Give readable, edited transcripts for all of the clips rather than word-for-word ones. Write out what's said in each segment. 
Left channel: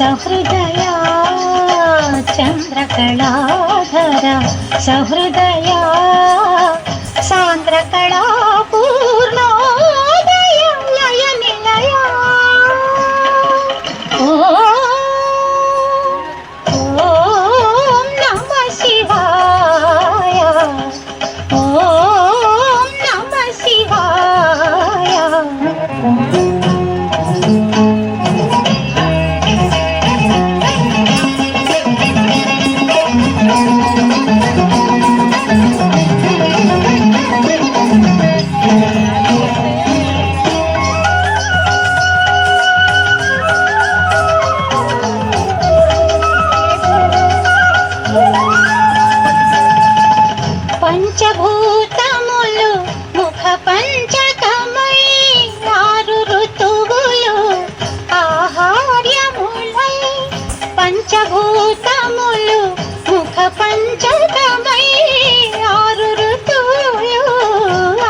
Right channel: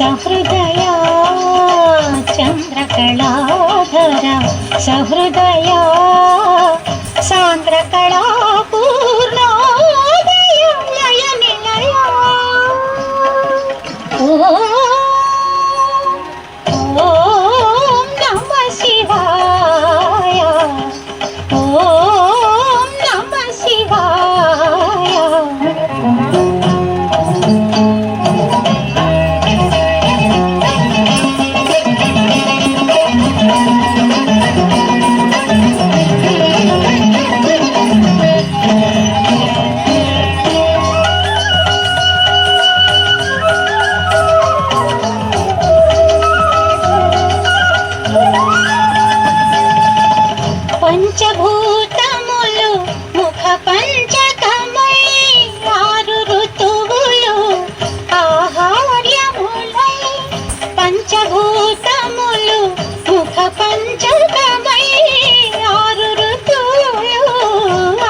सहृदया चन्द्रकलाधरा सहृदया सान्द्रकला पूर्णोदय लय निलया ॐ नमः शिवाय ॐ नमः शिवाय। పంచభూతములు ముఖ పంచకమై ఆరు ఋతువులు ఆహార్యములై పంచభూతములు ముఖ పంచకమై ఆరు ఋతువులు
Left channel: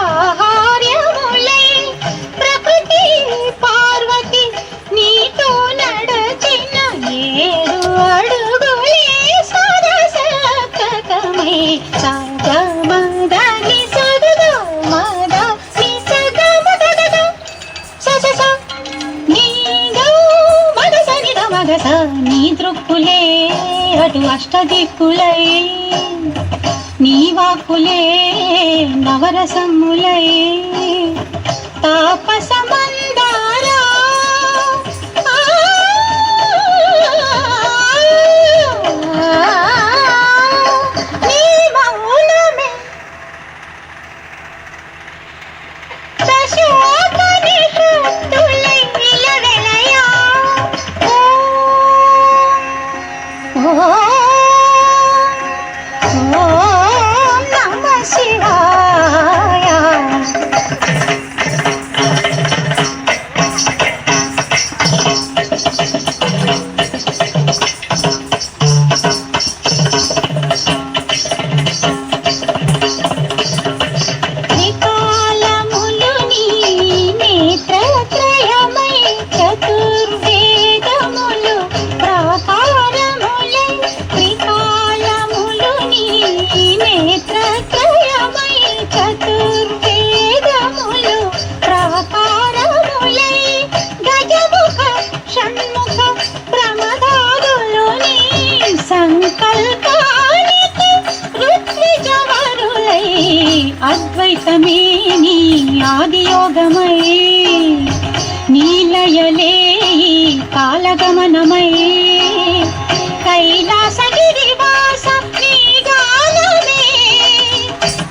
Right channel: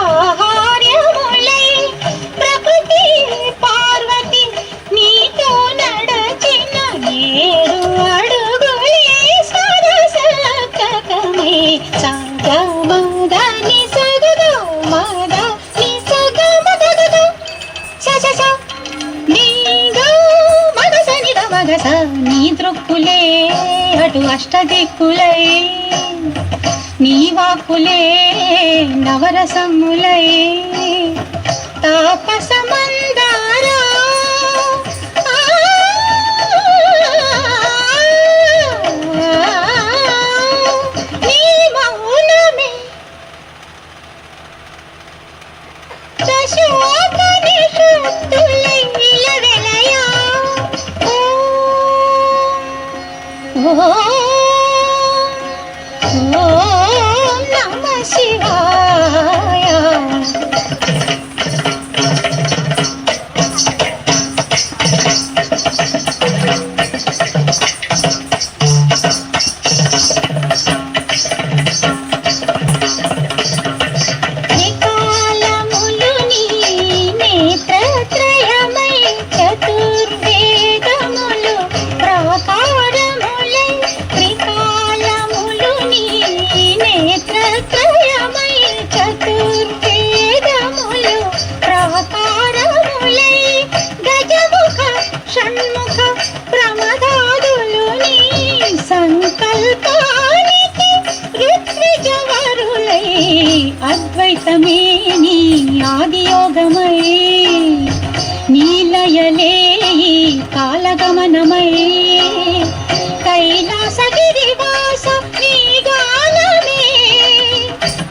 ఆహార్యములై ప్రకృతి పార్వతి నీతో నడచిన ఏడు అడుగులే సరసకమై నీ దృక్కులే అటు అష్టదిక్కులై నీ వాక్కులే నవరసములై తాపసమందారా నీ మౌనమే శశోకని శక్తులై నిలవెలయా ఓం నమః శివాయ। త్రికాలములు నీ నేత్రత్రయమై చతుర్వేదములు ప్రాకారములై త్రికాలములు నీ నేత్రత్రయమై చతుర్వేదములు ప్రాకారములై గజముఖ షణ్ముఖ ప్రమదాదులు నీ సంకల్పానికి ఋత్విజవరులై అద్వైతమే నీ ఆదియోగమై నీలయలే కాలగమనమై కైలాసగిరివాస నీ గానమే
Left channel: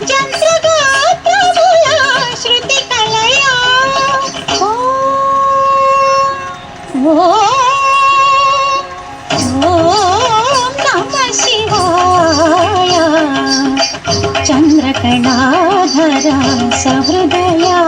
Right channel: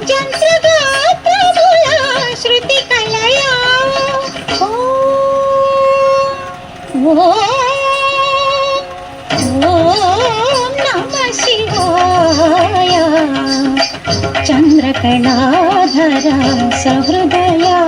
జంత్రగాత్రముల శృతి కలయా ఓం నమః శివాయ। చంద్రకళాధర సహృదయా